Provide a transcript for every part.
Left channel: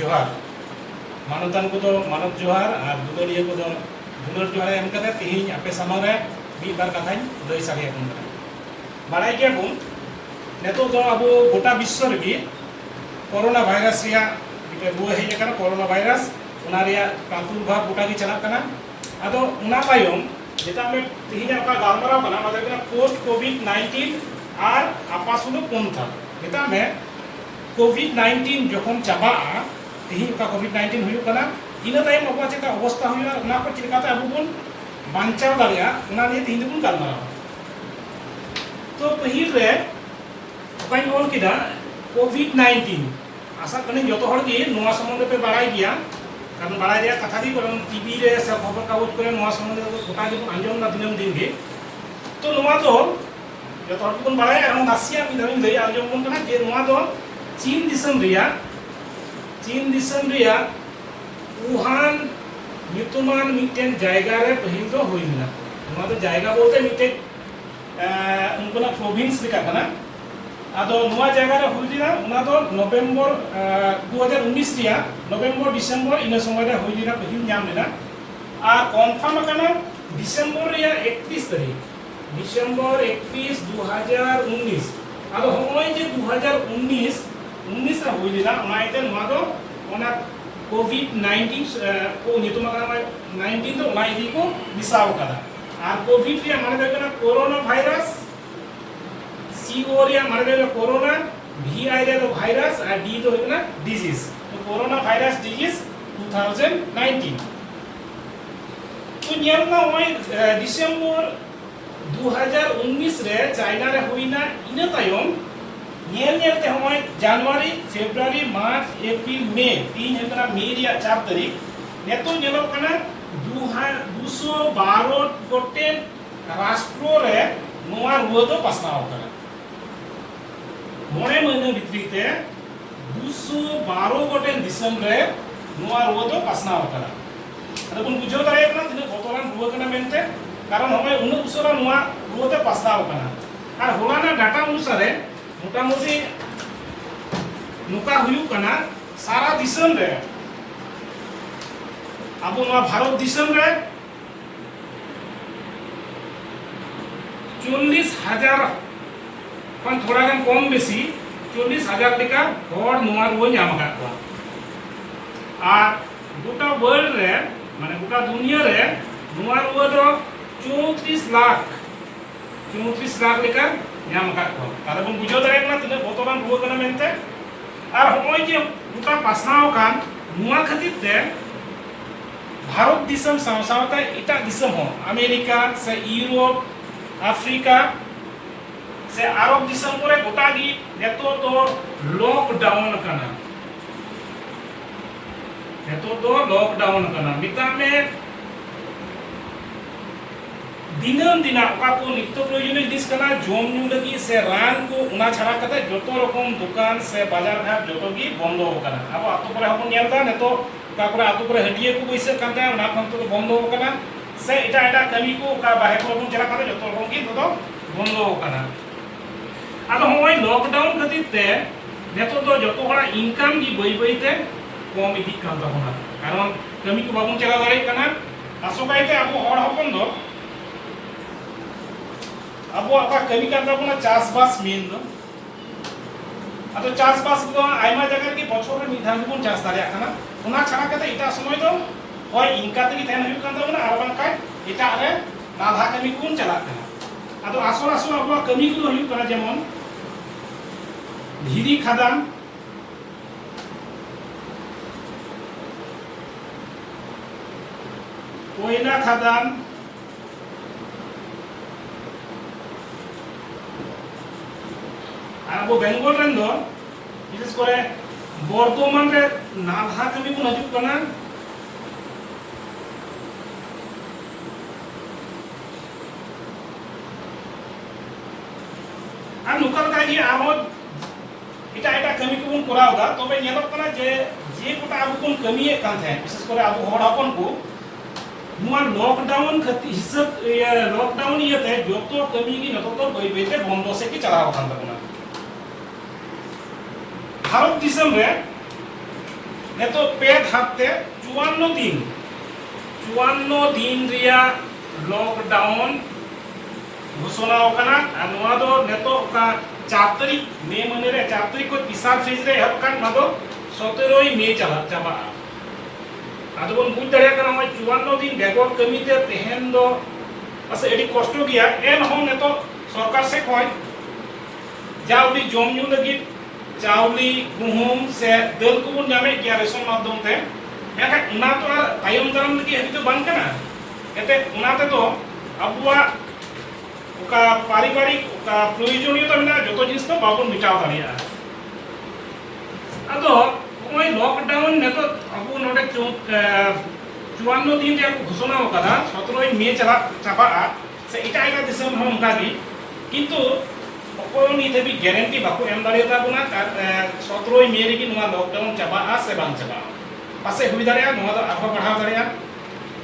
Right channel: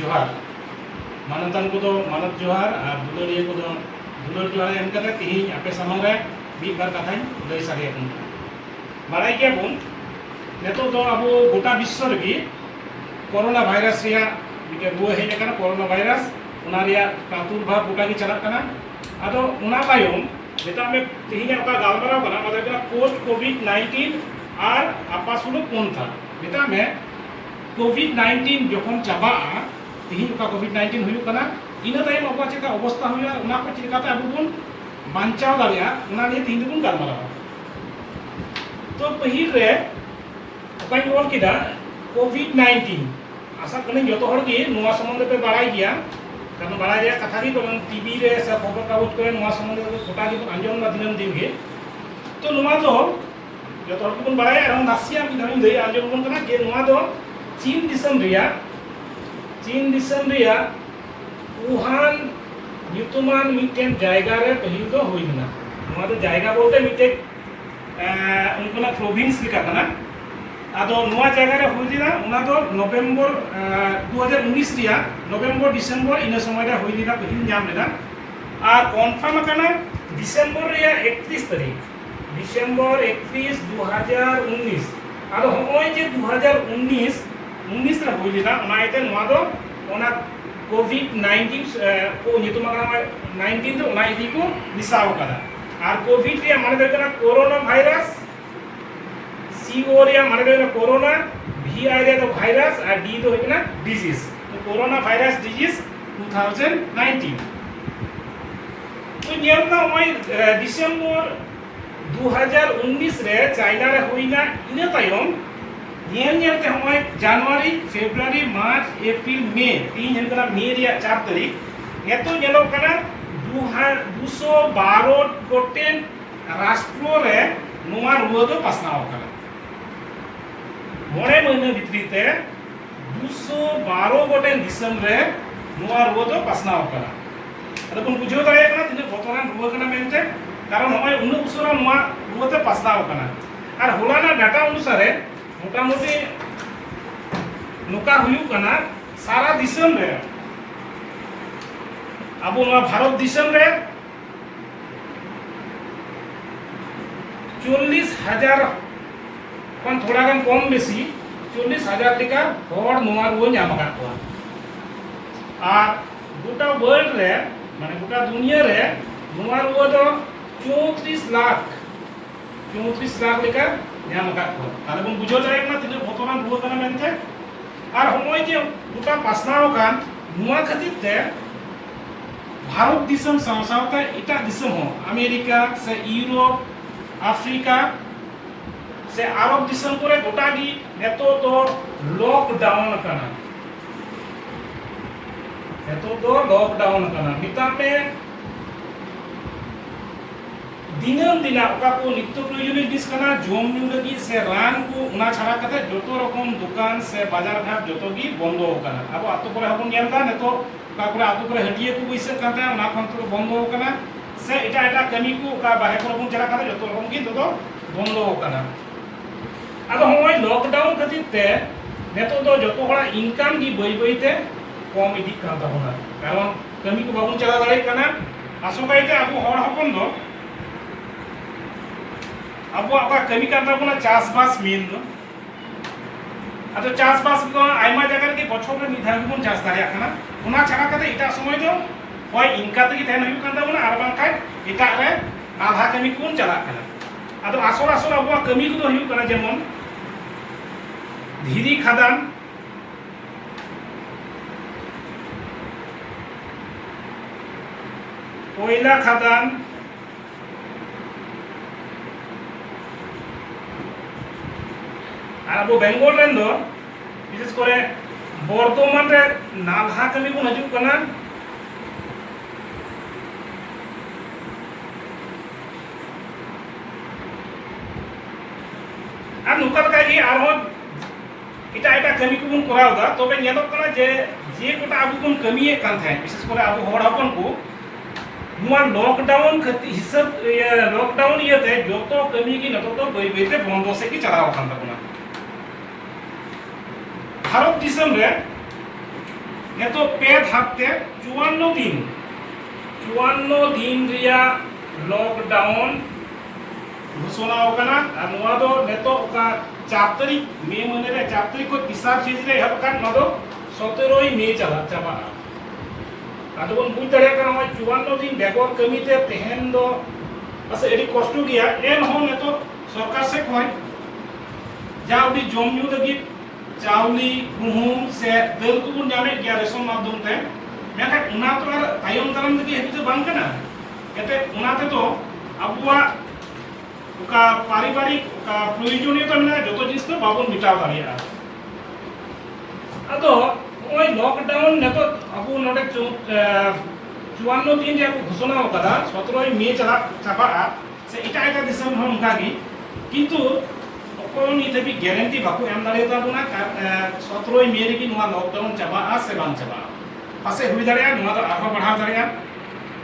जोहार मानतान को दो मानत जोहार और दुलारिया को दो दुलार जोहार एम कते तिहिन आपे सामने रे मी बार कथाई लई सागे अपन बाड़ाई के बुन नेतो दो अब गोटा विश्व रे कोरोना वायरस रिया मिटे रुआ हेज कना कोरोना वायरस उना रिया प्रादुर्भाव गोटा की चलत कना आदो उना तायम जेटा में तिहिन आपका गालमाराव कना मतलब पोस्ट कोविड 19 और आपासुलु पंथा जेटा में कोविड 19 जखन चाबा तिहिन का कोविड 19 हुयु कना इना तायम अबा चेका अवस्था हुया उना को चिरकाते अबु बुन बांचाव दारिया उना ने तिहिन बुन गालमाराव तो पहिल रे अकाई ओल किदा कोविड 19 आशा कने जतो हर के नोवा संबंध पे बाड़ाई गया कारण बाड़ाई रे कथा दी करन टीवी रे सब खबर कागज करे नोवा संबंध पे गोटा के आंजम ना दिनम दिन के तो नोवा दो जतो हर के बाड़ाई और नासिया मी धरिन दे आंजम बन कना जे नोवा दो चीन दिसम रिया वुहान ᱧᱩᱛᱩᱢᱟᱱ मिटेन जायगा रे पहिल दो होइना नोवा दो जायगा बोलते मिटे उनकना प्रोविंस लिखा कना आदो नोवा जायगा रे होइना उना दो नवंबर 2019 रिया नवंबर डिसेंबर इन समय रे होइना पहिल नाम लेना और कंफर्म कना डिसेंबर रिया 31 तारीख डिसेंबर 31 2019 आदो होय जे 2019 19 रा होइना उना आइते नोवा दो ओना कोविड 19 को नितुमा कना 19 तो उना इदी को निसाव कदा और कोविड रे माने देना कोरोना वायरस सीओ रे माने देना कोरोना वीआई रे तो वायरस और डी तो होना डिजीज तो कोरोना वायरस डिजीज 2019 तो नियमना ओय डिसेंबर 2019 रे चाइना रे होइना इने तायम नियलते होय जनवरी फेब्रुआरी मार्च अप्रैल मे 3 हंतरा मे रिया 4 तारीख एतो नेलो कना 212 गोटेन राष्ट्र रे नोआ रुआ दो पासनाव कना मोरे महीने भितरीते 212 गोटेन दिसम रे नोआ रुआ दो पासनाव कना अदो बन बुझो दाय कना तिने बतरान रुआ कना मेनते कारण होय उनु उसरा नोआ रुआ दो पासनाव कना और होलाना डाटा अनुसार मोटामोटी नुका हुयु कना सारा दिसम रे अब भारत दिसम रे 40,000 कौन थोड़ा गन कम बेसी 40,000 टिका हर नोआ रुआ नाम का को और गोटा वर्ल्ड रे माने गोटा दुनिया रे नोआ रुआ दो 34 लाख लेकर नाम का को ताले बन बुझो दाय ना तिने बतरान रुआ कना मेनते और होय जे गोटा पासनाव कान नोआ खातिर ते भारत दिसम सावसावता इटा दिसम हो अमेरिका से यूरोप अफ्रीका से अरब दिसम करे गोटा गी नेतो तो लॉकडाउन कना मिता में दिनम दिना ओका को नित्य प्रयोजनीय जिनिस कना जोम न्यू लगी से रान को उना छाड़ा कते जतो रकम दुकान से बाजार घाट जतो गी बंद हो कना अब आतो पर हम नेलदा नेतो का पर आतो पर हटिए को बैसे काते उना खन तो बंद हो कना से एटा एटा कमी को का बाहे को चला कते जतो रकम गी तो बंद हो कना आदो होय लॉकडाउन खातिर ते नेतो तो जतो बड़ा इनकम गी बई बईते कम इदी कान ताबोना कारण कमी को बाबुन चला दाड़े कना आसोकायते अब हर हपन दो अब आपका कमी करता बोला चासबास मेन दो अच्छा चासबास दो आयमा जगह के बछो रे मिधा के बन चास दारिया कना उना छाड़ा कते इटा समय दो होय इनका ते थान हुयु कांदा बोला आर बांका इटा रे नाधा कमी कोन चला कना आदो आसो अब कमी को हुयु कना जेमन धीरी खादान कोयला खादान अब बेंगल रेन दो विशेष करे बर्तमान रे नालहा कमी को हजू कना आ नुकल का ही आरो इटा कमी को बन कराव दा तबे नेलो कना जे कोटा अब कोन कमी कान थाय विशेष करे अब हर अपन को नुआ लॉकडाउन खति हिसाब लॉकडाउन येते जतो कमी की नतो तो बई बईते बंद से की चलाव खान तबना भारत दिसम रे नेतो पे धापते 54 दिन रिया लॉकडाउन घोषणा होकना अनुवा दो नेतो का 4 तारीख मे महीने रे 4 तारीख को तिसार फेज रे हब कान नदो 17 मे चला चाबा आदो बन बुझ दड़िया कना 54 दिन बेगोर कमीते तेहन दो असे एडी कष्ट गया एन हो नेतो सरकार से कोई जाउली जमन्यू लगी चाउली गुहुम से दल को बुन नामे गया रेशन माध्यम ते मेखा उना तो तायम दाराम लगी हेतु तो बांग कना एते उना ते तो अबुआ उका पारिवारिक उका प्रयोजनीयता मेना जतो जिनिस तो बाबन मिटाव दाड़िया आदो ओय लॉकडाउन नेतो अबु नोडे 54 दिन रे घोषणा होकदा 17 मे चला चाबा से इटा एका दिसम हम कागी किंतु अकोय निते भी गारंटी बाको एम दाड़िया बुना 17 मे रे की नुआ लॉकडाउन चाबा से बांग चाबा पासे हुई दाड़िया नुआ तो आरो बढ़ाव दाड़िया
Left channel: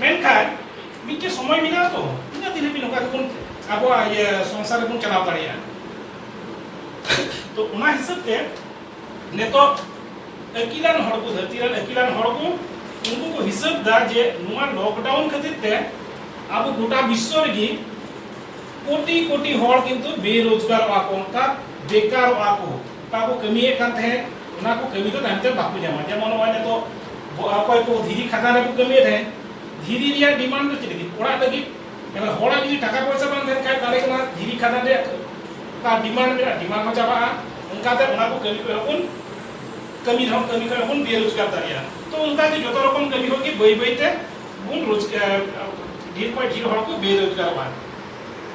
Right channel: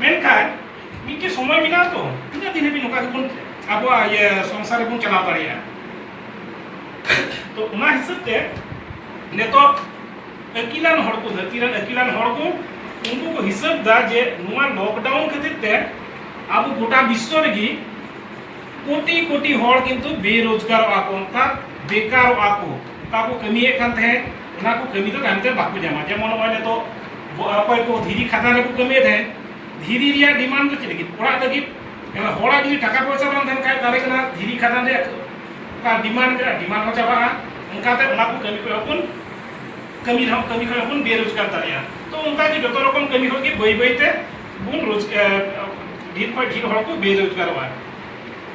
मेनखाय मिटे समय मिला तो तिना दिन भी नोका गुन अब ये संसार बुन चलाव दाड़िया तो उना हिसाब ते नेतो अकिलान हड़ को धरतीरन अकिलान हड़ को उनको को हिसाब दा जे नुआ लॉकडाउन खातिर ते अब गोटा विश्व रे कोटी कोटी हड़ किंतु बेरोजगार आको का बेकार आको काको कमिए कान थे उना को कमी तो कानते बाकु जामा जेमन वाले तो अकोय को धीरी खाता रे को कमिए थे धीरी रिया डिमांड तो चलेगी ओड़ा लगी हड़ा जी टाका पैसा बांग देन काय काले कना धीरी खाता रे का डिमांड हो जाबा उनका ते उना को कमी को अपन कमी को अपन बेरोजगार दारिया तो उनका जी जतो रकम कमी होगी बई बईते बुन रोजगार ढेर को ढेर हड़ को बेरोजगार बा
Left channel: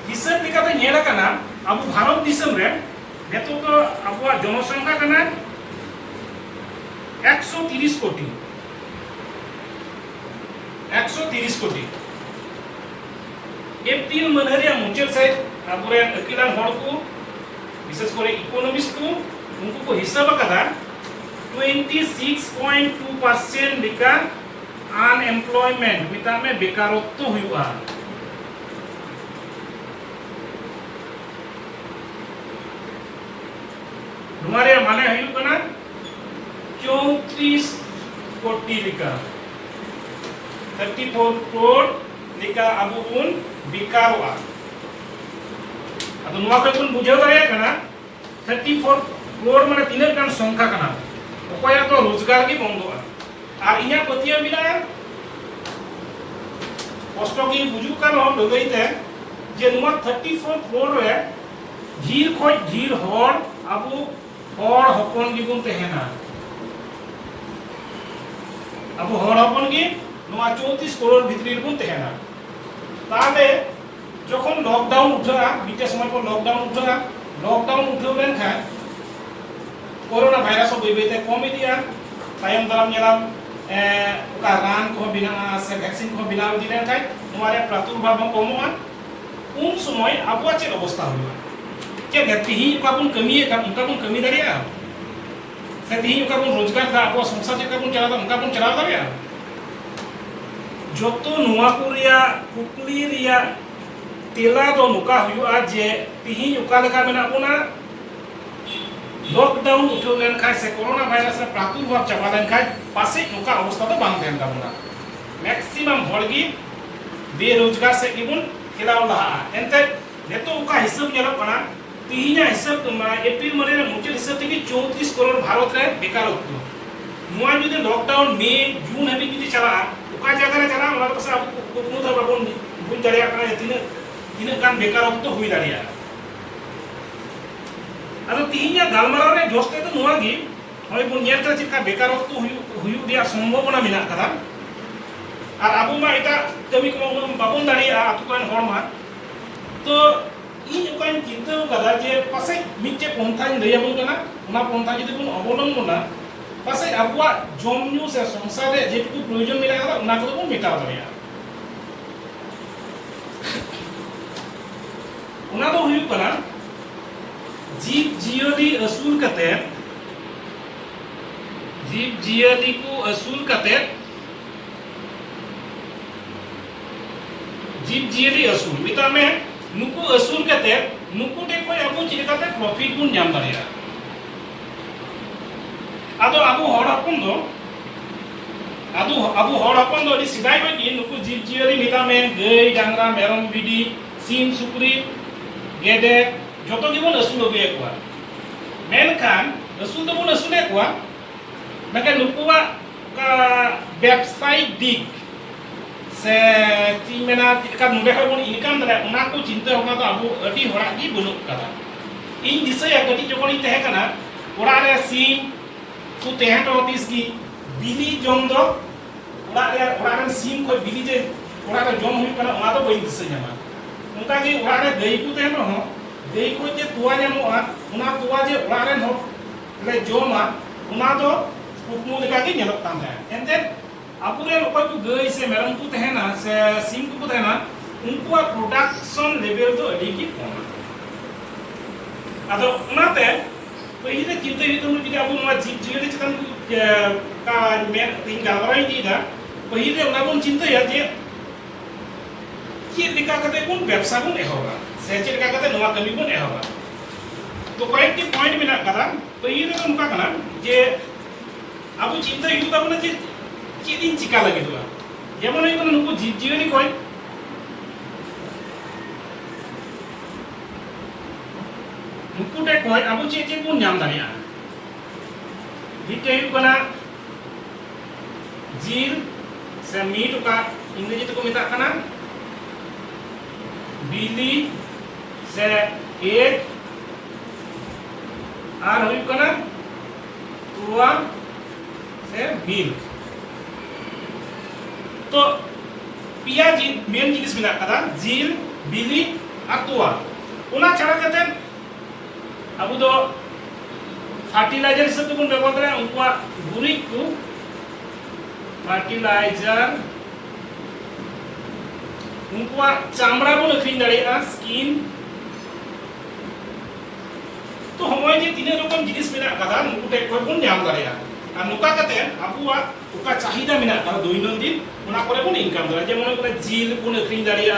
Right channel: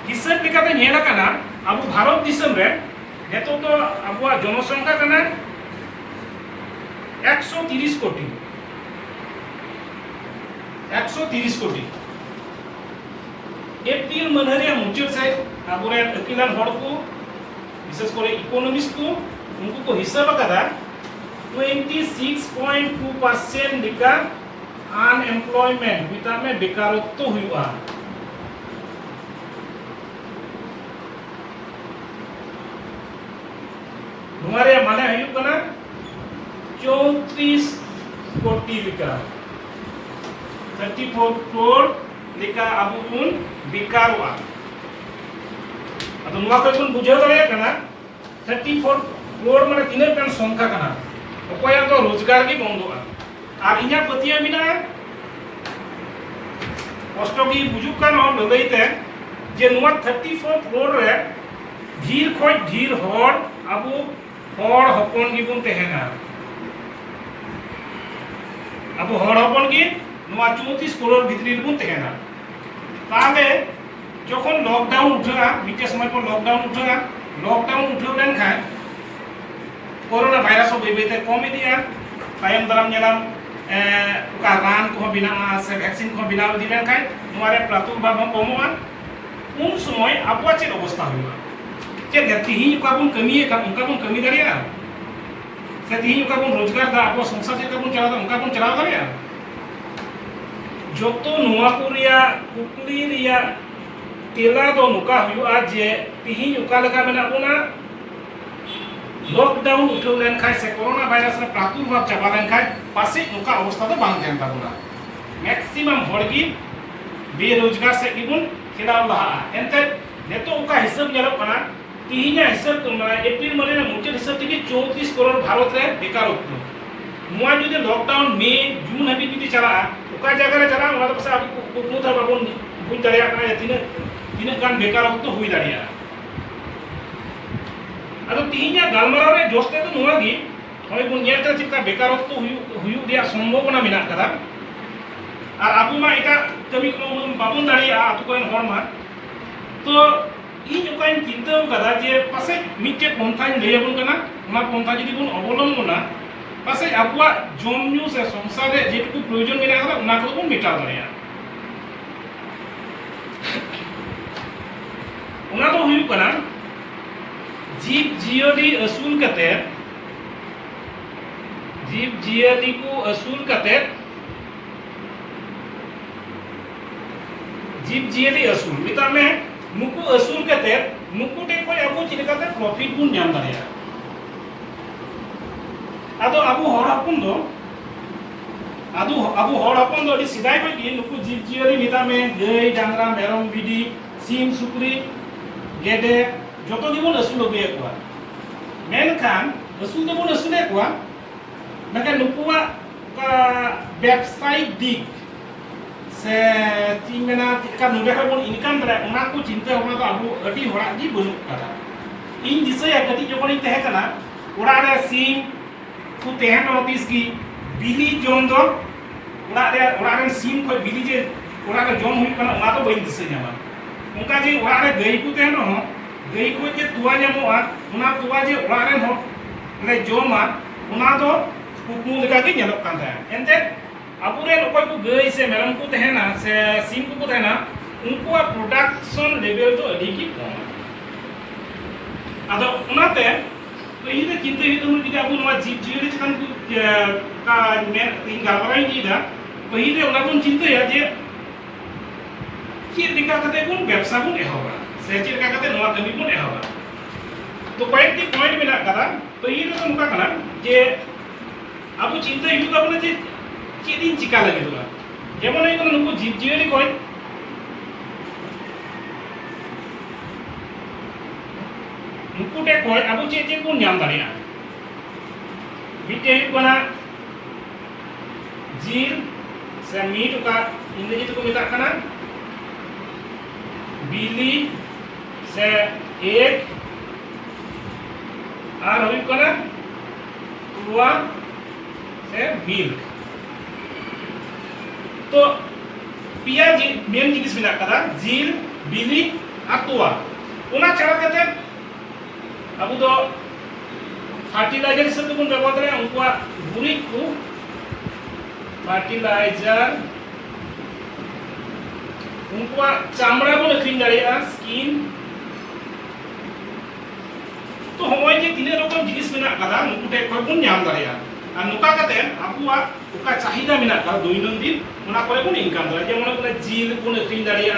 हिसाब लेकाते नेला कना अब भारत दिसम रे नेतो तो अब जनसंख्या कना 130 कोटी 130 कोटी एप्रिल महीने मुचाद से अब अकिलान हड़ को विशेष कर इकोनॉमिस्ट को उनको को हिसाब कदा 26.2% लिखा अनएम्प्लॉयमेंट मिता में बेकारत्व हुआ हमारे माने हुई कना 34 कोटी लिखा 34 करोड़ लिखा अब उन बेकार हुआ अब नुआ को तुम बुझाव दाड़िया कना 34 करोड़ माने तीन गान संख्या कना अकोया तो रोजगार की बंदोआ और इना पतिया मिला कष्ट की बुजुक कान हो ललैते जे नुआ 34 करोड़ रे ढेर खोज ढेर हड़ अब हड़ हपन की बुन तेहना अब हड़ हपन की नुआ 34 करोड़ भितरी बुन तेहना ताले जखन लॉकडाउन उठा मिटे समय पर लॉकडाउन उठा लेन खाय कोरोना भाइरस बेबेते कम इदिया तायम दाराम नेलाम का रान को बिना से वैक्सीन को बिना दिलेन खाय नुआरे प्रादुर्भाव कमोआ उन समय आबुआ चेक अवस्था हुआ चेक तिही का बुन कमी का उनका बुन कमी दाड़िया से तिही का बुन रोजगार दा आबुआ संसार चेक बुन चला उनका बुन चला दाड़िया जोतो नुआ को रिया कुकली रिया तेला दो नुका हुआ जे तिही उका लगा मेना बुना लॉकडाउन उठो लेन खाय से कोरोना वायरस रे प्रादुर्भाव चाबा लेन खाय पासे नुका अवस्था तो बांग देन दाबुना मैक्सिमम हड़गी बेरोजगार से गिबुन खिलाव लहा एंते नेतो उका हिसाब नेलो कना तिहिना हिसाब एप्रिल महीने रे मुचाद हिसाब तक 34 करोड़ भारत रे बेकारत्व नुआ जदि लॉकडाउन मे जून हबी जदि चला उका जगह रे चला ओना पासे अब कुकु दा बाबन बुझ दाड़िया कना तीन गान बेकारत्व हुई दाड़िया अदो तिहिना गालमाराव रे जोस्ते तो नुआ गी होय बुन नेर का चिका बेकारत्व हुई दिया संभावना मेना कदा और अब मा एटा कमी को बाबन दाड़िया आतु कोन हड़ मा तो इन उकाइन चिंता कदा जे पासे मिटे पंथाइन लैबन कना ओना पंथा जदि बुन अवलंबना पासे आबुआ जमन्यू से संसार रे जेटुकु प्रयोजन मेना कदा ओना को बुन मेटाव दाड़िया ओना तो हुई कना जीव जियोली असूल कते जीव जियोली को असूल कते जीव जियोली असूल मिता में नुकु असूल कते नुकु टे कोई अब चिलकाते प्रॉफिट बुन जाम दाड़िया आदो आबो हड़ हपन दो abu hor hopon do di sidai ko ki nuku jib jiari mita me gay dangra merom bidi sim sukri gede joto gibon asul obe ko menkan asul do bon asul ko maka nukuwa ka website dik se ti mena ka nube ha bon income dara ona ko cinta ho to abu adi hora gi bunuk kara in disaya kati jokoni tehe kana ora re sim ku tehe to tis gi bili jom do ora re sim ko bili je ora re jom hui kana ona to bain disa nyama unka ji ora re gai ku tehe no gai ko je tuwa nyamoa ona tuwa je ora re no le joma ona do kuku leka ge nyelok kan ta ente apure okoy ku gai se meron ku tehe na se sim ku tehe na unku production level to adi ki koma ado onate तो ये चिंता ये तो हम किसी अबू नवा jeep जीरे chicken का मैं tinggal orang ini dah, पहिले उलागुन चिंता ya जे चीज दिखा करते कौन व्यवसाय कौन होगा, सेचर का करते नवा कमी कौन होगा, तो पॉइंट की पॉइंट में ना करा, तो ये तो मुका करना जे अबू चिंता ये तो अपने जे चीज इन चिका लगे तो ये mana itu nunggu जीप जीरे कोई nuku deh koi abu cece pun nyam dari an. Bite itu kena jil, semi itu ka Inggris itu minta kena bili, se egg, ar itu kena tua, se milk. तो पिया जी main जिनिस minta kena jil, bili, ar tua. Una cara kata abu do fertilizer हिसाब से बन व्यवहार करें उनको गुरी को fertilizer उनको चामड़ा को लखीन डालिया skin तो हमारे ये तीनों रकम जिनिस मिला करा उनको टेक पर बन न्याम डालिया और नुका कहते हैं आपको उका चाहिदा मिला करा दोइनों दिन उन्हें कोले बन इनकम डालिया जब उन्हें कोले जील को लखीन डालिया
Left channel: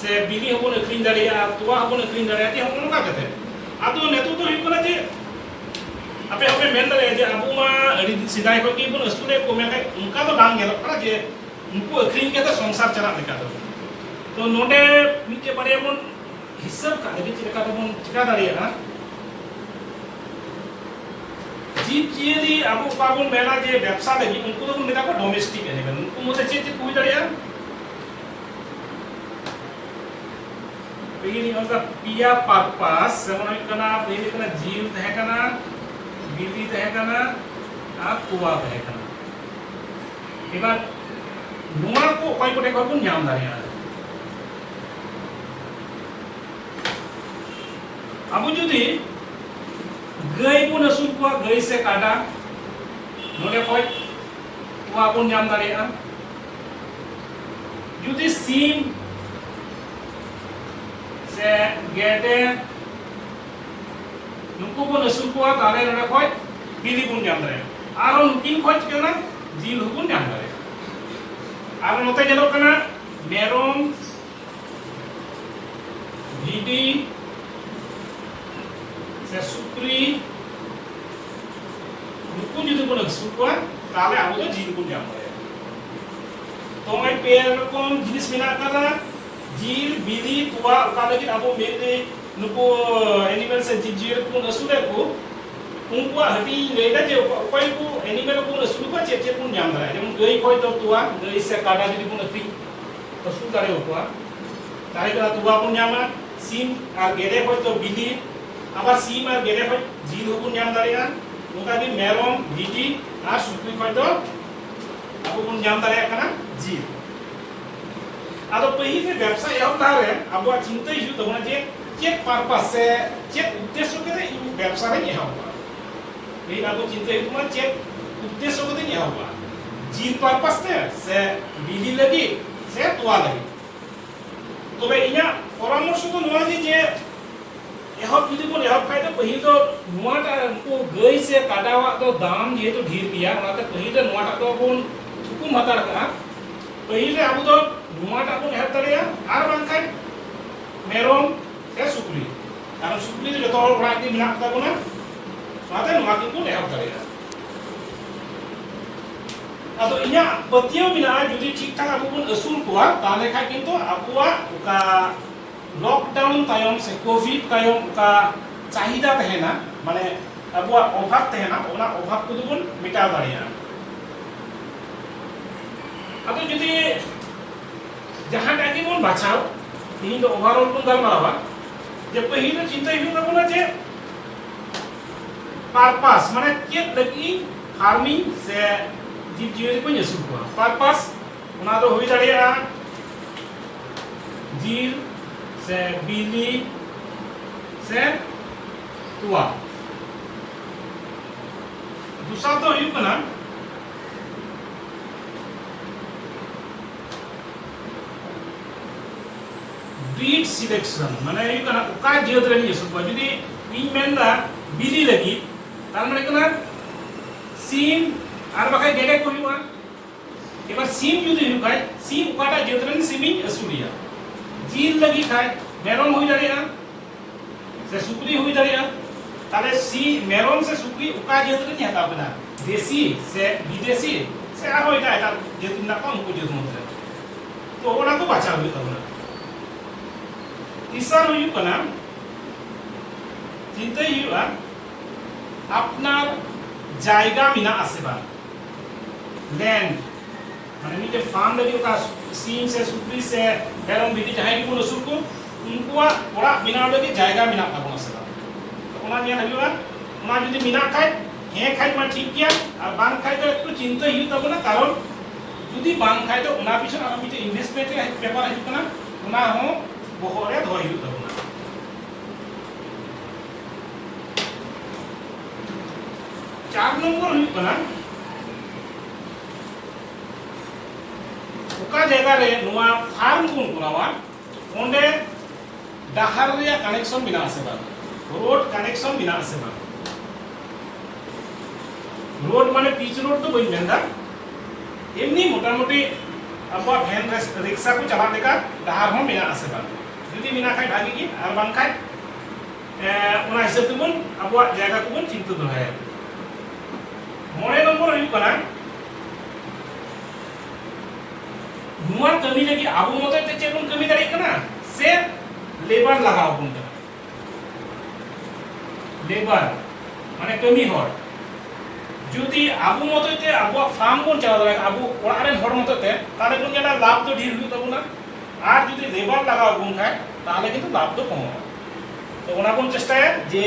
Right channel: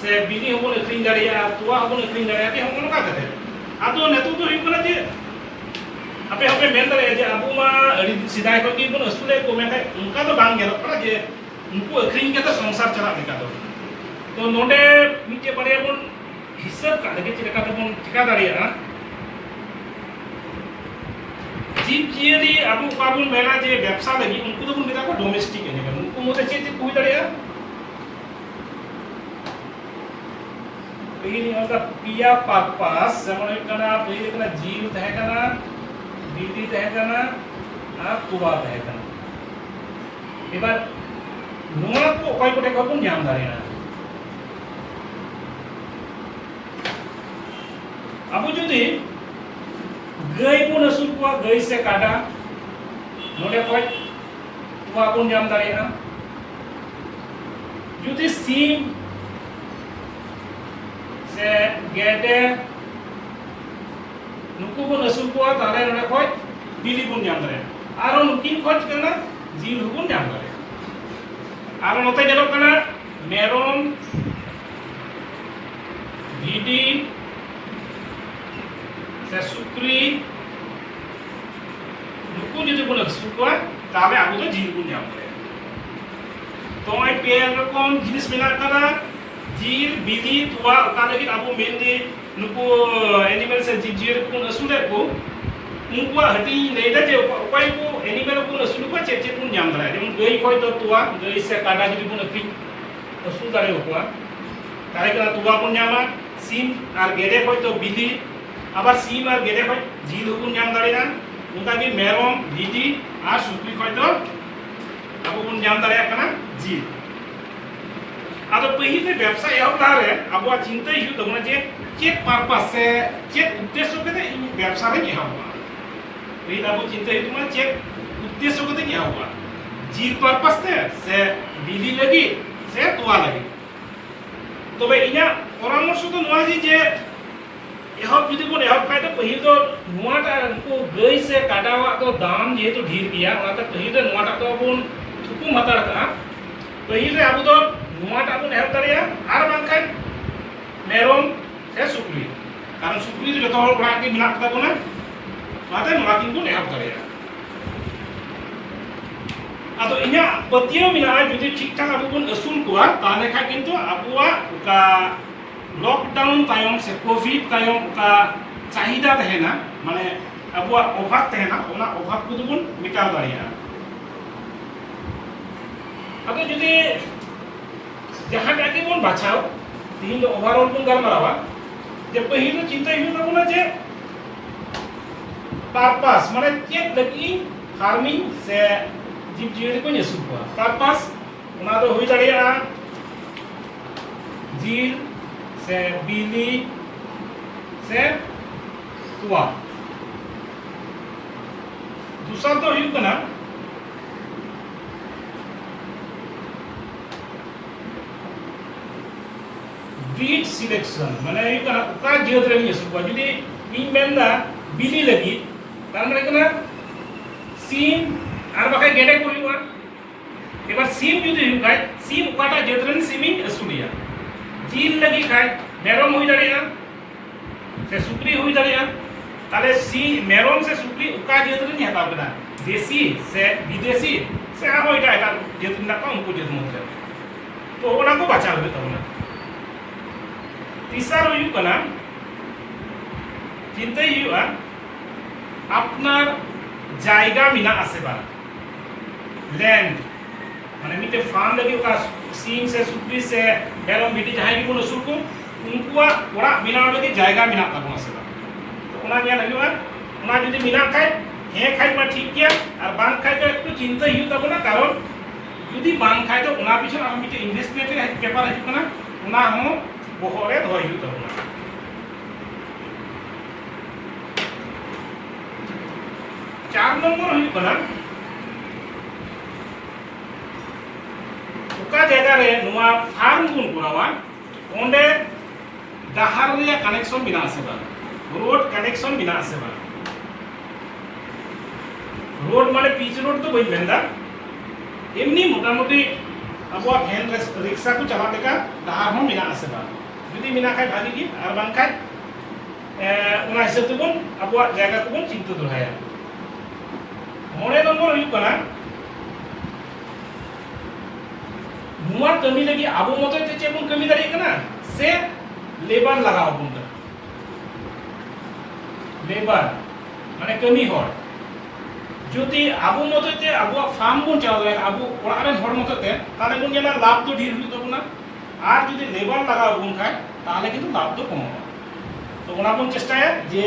से बिली को लखीन डालिया तुआ को लखीन डालिया तो हम उनका कहते हैं आतो नेतु तो हिक ना जे आपे आपे मेन दरे जे अबु मा अडी सिदाय को की बन असुरे को मे उनका तो बांग गेलो करा जे उनको अखरीन के तो संसार चला निका तो नोडे मिटे बारे बन हिसाब का लगे चिका तो बन चिका दाड़िया जीव जियरी अबु बाबुन मेला जे व्यवसाय लगी उनको तो बन निका को डोमेस्टिक एनिमल उनको मोसे चीज कोई दाड़िया ini masa pia purpose sama kena ini kena jil teh kena bili teh kena tua teh kena ebar nuar ko koi ko dek pun nyam daria abu judi gai pun asul ko gai se kada node koi tua pun nyam daria judi sim गेटे नुकु को नसुल को ताले नने खोज बिली बुन जाम दरे आरो नुकिन खोज केना जील हुकुन जाम दरे आरो नते जेलो कना मेरोम भिडी से सुक्री नुकु जदि को नसुल को ताले आबु तो जील बुन जाम दरे तो आई पे रकम जिनिस मेना करा जील बिली तुआ उका लगी अबु मेनली नुको एनिमल से जीव को असुले को उनको हटी लेगा जे कोई को एनिमल को असुल को चे को न्याम दरा जेम गई कोई तो तुआ गई से काडा जदी को नक्री असुल दारे को तारे का तुआ को न्यामा सीम और गेरे कोई तो बिली আবার सीम और गेरे कोई जील को न्याम दारेगा उनका भी मेरोम भिटी और सुक्री कोई तो अबु को न्याम दारेगा कना जील आदो पहिले व्यवसाय होतारे अब चिंता हिजु तबना जे चेक पर्पस से चेक उद्देश्य कते व्यवसाय नहीं होगा पहिले अब चिंता हिजु मा चेक उद्देश्य कते नहीं होगा जील पर्पस से बिली लगी से तुआ लगी तबे इना परामर्श तो नवा जे एहब जुदी को एहब खाय तो पहिले तो नवाटा को गई से काडावा तो दाम जेहेतु ढेर गया ओनाते पहिले नवाटा तो बन थुकुम हतार कना पहिले अब तो नुआटा को हेल्प दाड़िया आर बांखाय मेरोम से सुक्री कारण सुक्री जो तो हर ओड़ा के मिला कता बोना माते नुआ किन को हेल्प दाड़िया ᱟᱫᱚ ᱤᱧᱟᱹᱜ ᱯᱟᱹᱛᱭᱟᱹᱣ ᱢᱮᱱᱟᱜᱼᱟ ᱡᱩᱫᱤ ᱴᱷᱤᱠ ᱴᱷᱟᱠ ᱟᱵᱚ ᱵᱚᱱ ᱟᱹᱥᱩᱞ ᱠᱚᱣᱟ ᱛᱟᱦᱞᱮ ᱠᱷᱟᱡ ᱠᱤᱱᱛᱩ ᱟᱵᱚᱣᱟᱜ ᱚᱠᱟ लॉकडाउन तायम से कोविड तायम का चाहिदा तहना माने अबुआ अभाव तहना ओना अभाव को दुबुन मिटाव दाड़िया अब जुदी जहां टाके बन बाछाव तीन दो ओवरऑल बन गलमारावा जे पहिल चिंता हिउ तबना जे पर्पस माने चेक लगी फार्मिंग से जीव जीवन को नेसु को पर्पस ओना दो होई दाड़िया जीव से बिली से तुआ दूसरा तो हुई कना ब्रीड सिलेक्शन माने हुई कना उका जीवत रे मिस को जुदी इन मेंदा बिली लगी तार माने कना सीम आर बाका गेडे को हुआ एबार सीम जुदी हुई खाय सीम उकाटा जीवत रे सीमिन असुलिया जील लगी खाय मेरम हुई दाड़िया से सुक्री हुई दाड़िया ताले सी मेरम से सुक्री उका जेत रे हताव कदा देसी से विदेशी से आ होय एटा जेत ना का उनको जेत मत तो ओना को बचाव हुई तबना तीसरा हुई कना चिंता हुआ আপনার জায়গা মিনা আছে বা लैंड माने मिटे फार्म लगी का सीम से सुक्री से हेरम बिटी जहां की कोनो सुरको उनकुआ ओरा बिना लगे जायगा मिना ताबो से तो ओना निया लगिवा ओना जदी मिना खाय हे खाय मा ठीक किया और बांग खाय तो एकटु चिंता हिउ ताबो ना कारण जदी बांग खाय तो ओना पिछन आम मिटे इन्वेस्टमेंट रे पेपर हिउ कना ओना हो बोहरे धोय हिउ ताबो ना 4 नंबर हुई कना उका जगह रे नुआ फार्म गुन करावा ओंडे डाहार रे कनेक्शन बिना आसे बा रोड कनेक्शन बिना आसे बा रोड माने पिच रोड तो बई मेंदा एमनी मोटा मोटी अबवा वैन रिक्शा को चला लेका डाहार हो बिना आसे बा जदी बिना खाय भागी की आर बां खाय ओना हिसाब ते बन अबवा जगह को बन चिंता दोहाया मोने नंबर हुई कना नुआ कमी लगी आबो मते ते चेबन कमी दाड़ी कना से लेबर लगाओ बुंदा लेबर माने कमी हर जदि आबो मते ते आबो फार्म बन चला दाड़ी आबो ओड़ा रे हर मते ते ताले बन जेला लाभ तो ढेर हुई तबना आर जदि लेबर लगाओ बुन खाय ताले किंतु लाभ तो कम तो ओना बन चेष्टा है जे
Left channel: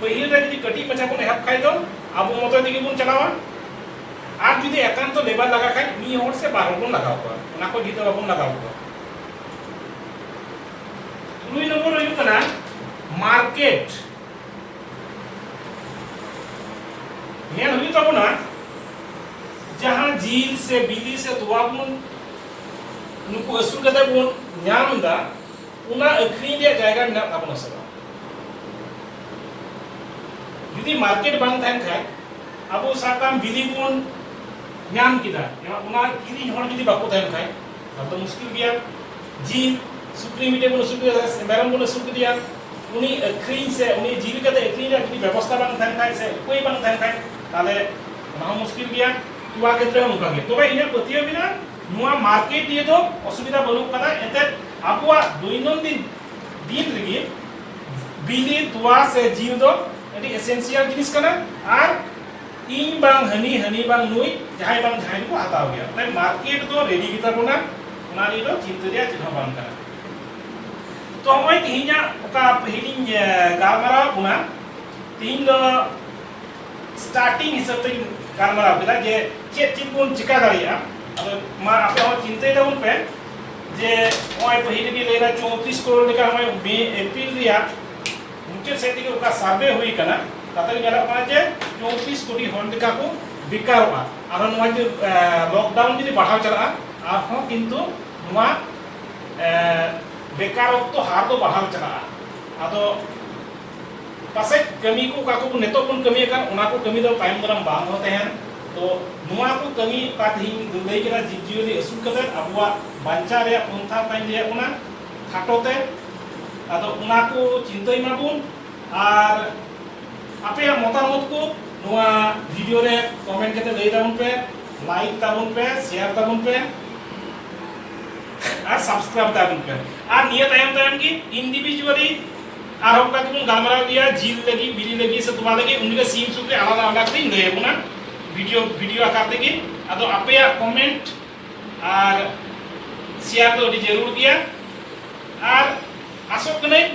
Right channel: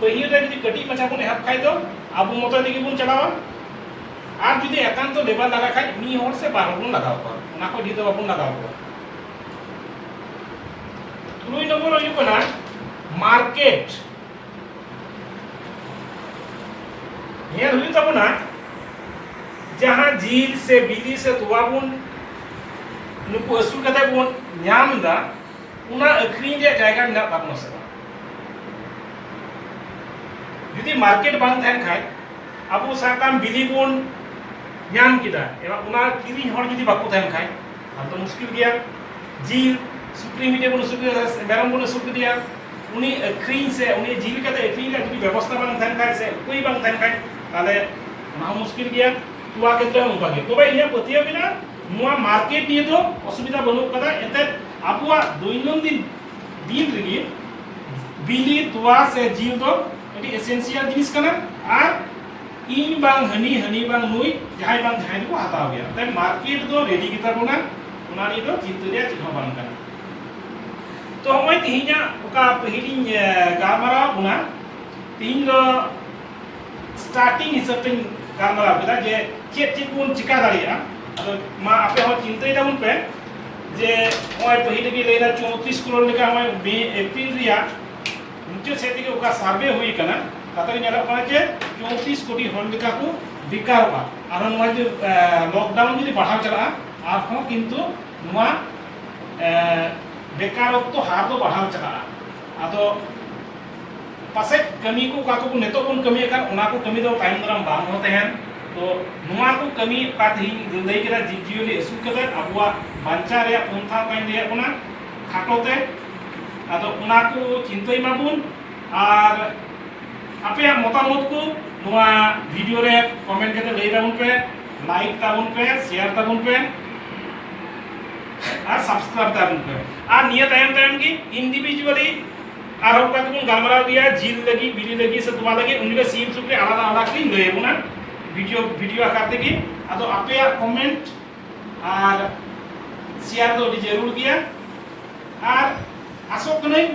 पहिल रे जदि कटी मचा बन हेल्प खाय दो आबो मते दिगे बन चलावा আর যদি একান্ত লেবার লাগা খাই নি হর সে 12 গুণ লাগাও কর না কই দিতে বাবুন লাগাও কর 2 নম্বর হইল না মার্কেট ইয়ার হই তব না जहां झील से बिली से तुवाबुन नुकु असुल कते बुन न्यामदा उना अखरी दे जायगा मिना ताबन से यदि मार्केट बांग थान खाय अबो साकाम बिली बुन ᱧᱟᱢ ᱠᱮᱫᱟ ᱮᱱᱟ ᱚᱱᱟ ᱠᱤᱨᱤᱧ ᱦᱚᱲ ᱡᱩᱫᱤ ᱵᱟᱠᱚ ᱛᱟᱦᱮᱱ ᱠᱷᱟᱡ ᱛᱟᱦᱞᱮ ᱫᱚ ᱢᱩᱥᱠᱤᱞ ᱜᱮᱭᱟ ᱡᱤᱞ ᱥᱩᱠᱨᱤ ᱢᱤᱴᱮ ᱵᱚᱱ ᱥᱩᱠᱨᱤ ᱢᱮᱨᱚᱢ ᱵᱚᱱ ᱥᱩᱠᱨᱤ ᱫᱤᱭᱟ उनी अखरीन से उनी जील कते अखरीन का की व्यवस्था बांग थान खाय से कोई बांग थान खाय ताले ना मुश्किल गया तुआ क्षेत्र में उनका के तो भाई इया पतिया बिना नुआ मार्केट दिए तो असुविधा बनु कदा एते आपुआ दैनंदिन दिन लगी बिली तुआ से जीव दो एटी एसेंशियल जिनिस कना आर इन बांग हनी बांग नुई जहां बांग जहां को हताव गया ताई मार्केट तो रेडी गिता कोना ओना नि तो चिंता रे चिन्ह बांग कना तो होय तिहिया ओका पहिलिन गालमारा बुना तीन दो स्टार्टिंग हिसाब ते गालमारा बेला जे चेत चेत कोन चिका दाड़िया अदो मा आपे हो चिंता दाउन पे जे होय पहिल के लेला 34 करोड़ लेका होय बे अप्रैल रिया मुचे सेट के ओका सर्वे हुई कना तातरी नेला कना जे 34 कोटी हर लेका को बिकावा आरो नवा जे लॉकडाउन जदि बढ़ाव चला आरो किंतु नवा बेकारत्व हार तो बढ़ाव चला आदो पासे कमी को काको नेतो बन कमी kan ओना को कमी दो टाइम दरम बांग होते हैं तो नुआ को कमी का थिंग लई केरा जीवली असु कते अबुआ बांचा रे पंथा काइन ले ओना खाटोते आदो ओना को चिंताई माबुन और आपे मतामत को नुआ वीडियो रे कमेंट कते लई दाउन पे लाइक ताबुन पे शेयर ताबुन पे और सब्सक्राइब ताबुन पे और निया तायम की इंडिविजुअली और होगा तुम गलमराव दिया जिल लगी बिली लगी से तुम्हारे लगी उनके सीन सुपे आलादा आलादा थी ले बुना वीडियो आकार देगी अतो आपे कमेंट और शेयर तो जरूर किया और आसोक नहीं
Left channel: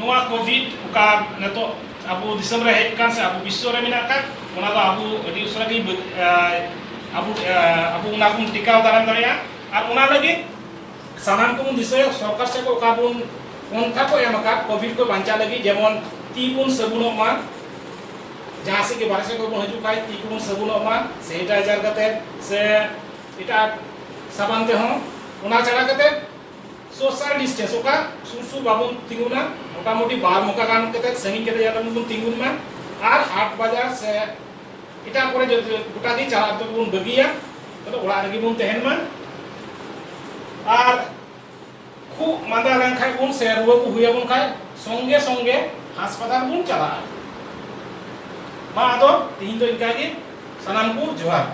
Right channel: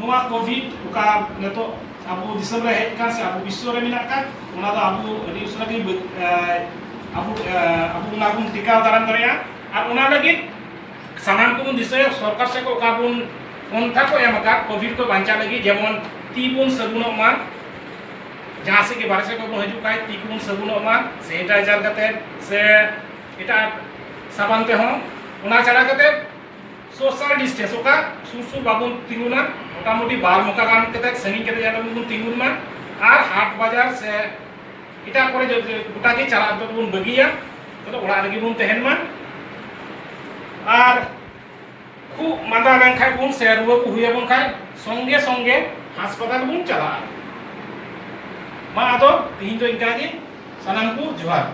नोआ कोविड का नेतो अब दिसम रहे हेज कान से अब विश्व रे मिना का ओना दो अब अडी उसरा की अब उना कुन टिकाव दाराम दरिया और ओना लगे सामान को दिसे सरकार से को काबुन उनका को एमका कोविड को बांचा लगी जेमन तीपुन सबुनो मा जहां से के बारे से को हजू काय तीपुन सबुनो मा सैनिटाइजर कते से इटा साबान ते हो ओना चढ़ा कते सोशल डिस्टेंस ओका सुसु बाबुन तिगुना मोटामुटी बार मोका गान कते सनी कते जाना बुन तिगुना और हाट बाजार से इटा करे जो गोटा के चला तो बुन बगिया तो ओड़ा रगी बुन तहन मा और खूब मादा लेंखाय बुन से रुआ को हुए बुन खाय संगे संगे हास्पताल बुन चला मा आदो तीन तो इनका के सनाम को जोहार।